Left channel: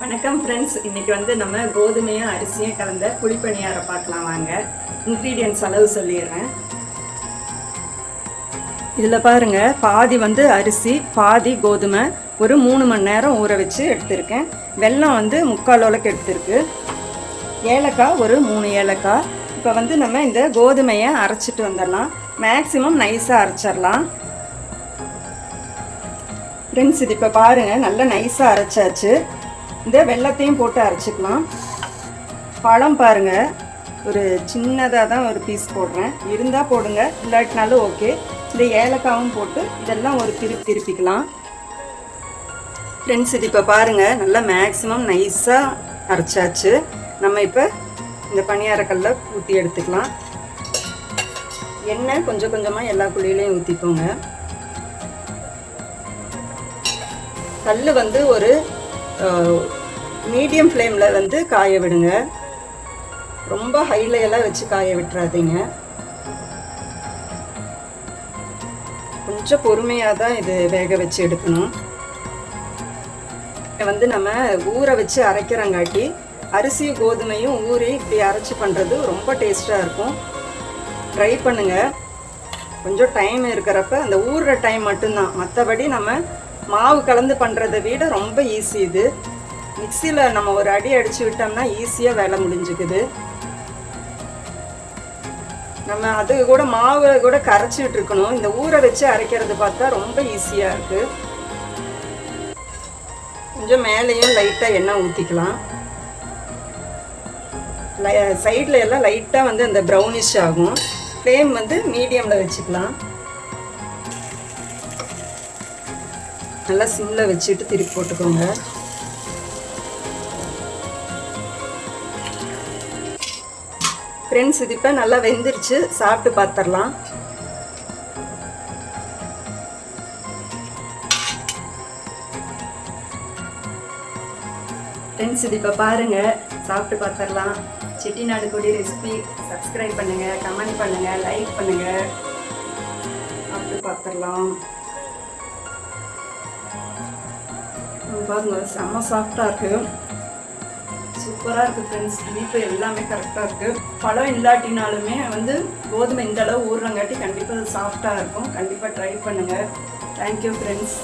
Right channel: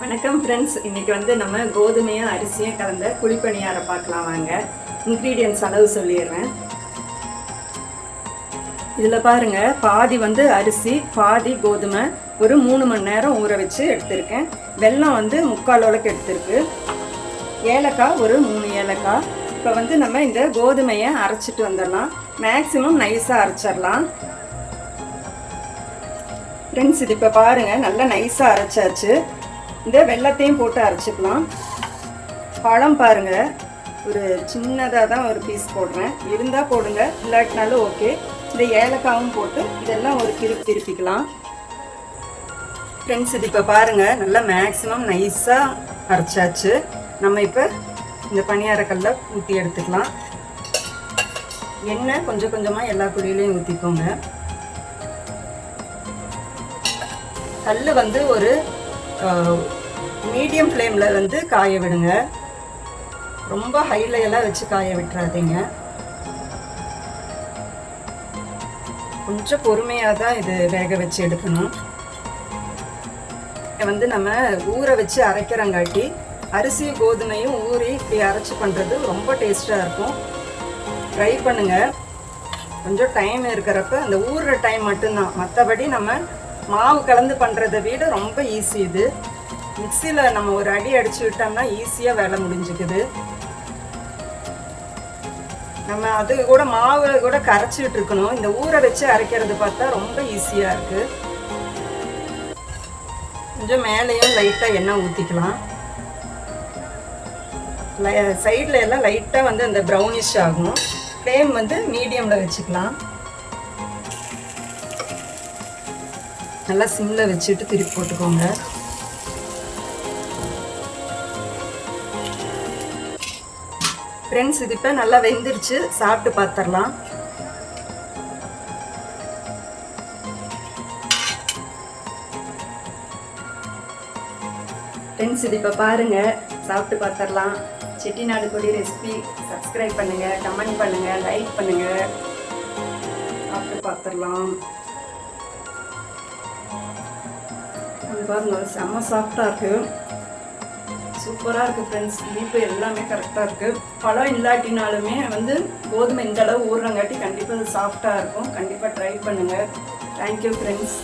வணக்கம் ஃப்ரெண்ட்ஸ் இன்னைக்கு வந்து நம்ம கோதுமையும் அரிசியும் கலந்த குழிப்பணியாரம் பார்க்கலாம் வாங்க. இன்க்ரீடியன்ட்ஸ் அளவு சொல்லிடுறேன். இதில் பாருங்க பாதி வந்து அரிசி பாதி கோதுமை. ஒரு மூணு மணி நேரம் ஊற வச்சு எடுத்திருக்கேன். வெல்லம் வந்து முக்கால் உலக்கு எடுத்திருக்கு. ஏலக்காய் ஒரு மூணு ஏலக்காய். இப்போ வந்து நம்ம இந்த கோதுமையை அரைச்சிட்டு வந்துடலாம். மேக்ஸிமம் நைஸாக அரைச்சிடலாம். ஃப்ரெண்ட்ஸ் இது இப்போ பாருங்கள் நல்லா நைஸாக அரைச்சாச்சு. இந்த வெள்ளத்தையும் போட்டு அரைச்சிக்கலாம். பழம் பாருங்கள் ஒரு சின்னதாக தான் ஒரு பீஸ் போடுறேன். இருந்தால் போடுங்க. இல்லாட்டினாலும் ஓகே இந்த ஏலக்காவும் போட்டு இதெல்லாம் ஒரு திருப்பி திருப்பிக்கலாம். ஃப்ரெண்ட்ஸ் இது இப்போ பாருங்கள் நல்லா மேக்ஸிமம் நைஸாக அரைச்சாச்சு. நம்ம இப்போ இந்த பணியாரக்கல்ல ஊற்றி எடுத்துக்கலாம். எண்ணெய் கொஞ்சம் கொஞ்சமாக எல்லா குழியிலையும் ஊற்றிக்கோங்க கல் வந்து ஒரு மீடியம் ஃப்ளேமில் வந்து காய விடுங்க. ரொம்ப ஹைல எல்லாம் வச்சு காய விட்டுறாதீங்க. கொஞ்சம் பொறுமையாக தான் இது வேக வச்சு எடுக்கணும். வந்து நம்ம ஊற வச்சு அரைக்கிறங்காட்டி அரிசி கோதுமையும் ஊறி இப்படி அரைச்சி பண்ணுறது ரொம்ப டேஸ்ட்டாக இருக்கும். ட்ரை பண்ணுங்கள் கொஞ்சம் டைம் இருக்கிறப்ப அந்த ஊறுற டைம் மட்டும்தான். மற்றபடி நம்ம மாவு கலந்து பண்ணுறதை விட ரொம்ப ஈஸி இது. மிக்சியில் நம்ம ஒரு அடி அடித்து விட்டோம்னா ஈஸியாக வேலை முடிஞ்சுக்குது. நம்ம அது கூட மாவு கூட கரைச்சிட்டு இருக்கணும் இந்த ஊற வச்சு அரைக்கிறது பார்த்தா ரொம்ப ஈஸியாக இருக்குது கொஞ்சம் மேலேயும் லைட்டாக எண்ணெய் ஊற்றிக்கலாம் சைடில் எல்லாம் லைட்டாக வந்து இந்த ப்ரௌனிஷ் ஆகும். ஃப்ளேம் வந்து மீடியமில் வச்சுக்கலாம். நல்லா சிம்மில் வச்சுட்டு திருப்பி போட்டுக்கோங்க. ஃப்ரெண்ட்ஸ் இது இப்போ நல்லா வெந்துருச்சு. சாப்பிட்டு பார்த்துடலாம் ஃப்ரெண்ட்ஸ் இது இப்போ பாருங்கள் சாப்பிட்டு பார்த்துடலாம் செட்டிநாடு கொடி ரெசிபி சப்ஸ்கிரைப் பண்ணுங்கள் கமெண்ட் பண்ணுங்கள் லைக் பண்ணுங்கள் சாப்பிட்டு பார்த்துடலாம் பாருங்க செம்ம சாஃப்டாக இருக்குது சூப்பராக இருக்குது ஃப்ரெண்ட்ஸ் இனிப்பு எல்லாமே கரெக்டாக இருக்குது பழம் இல்லாட்டினாலுமே வந்து கோதுமை இந்த அளவு ஊறுறங்காட்டி கண்டிப்பாக அது சாஃப்டாக இருக்கும். கண்டிப்பாக ட்ரை பண்ணுங்கள் தேங்க்யூ ஃப்ரெண்ட்ஸ்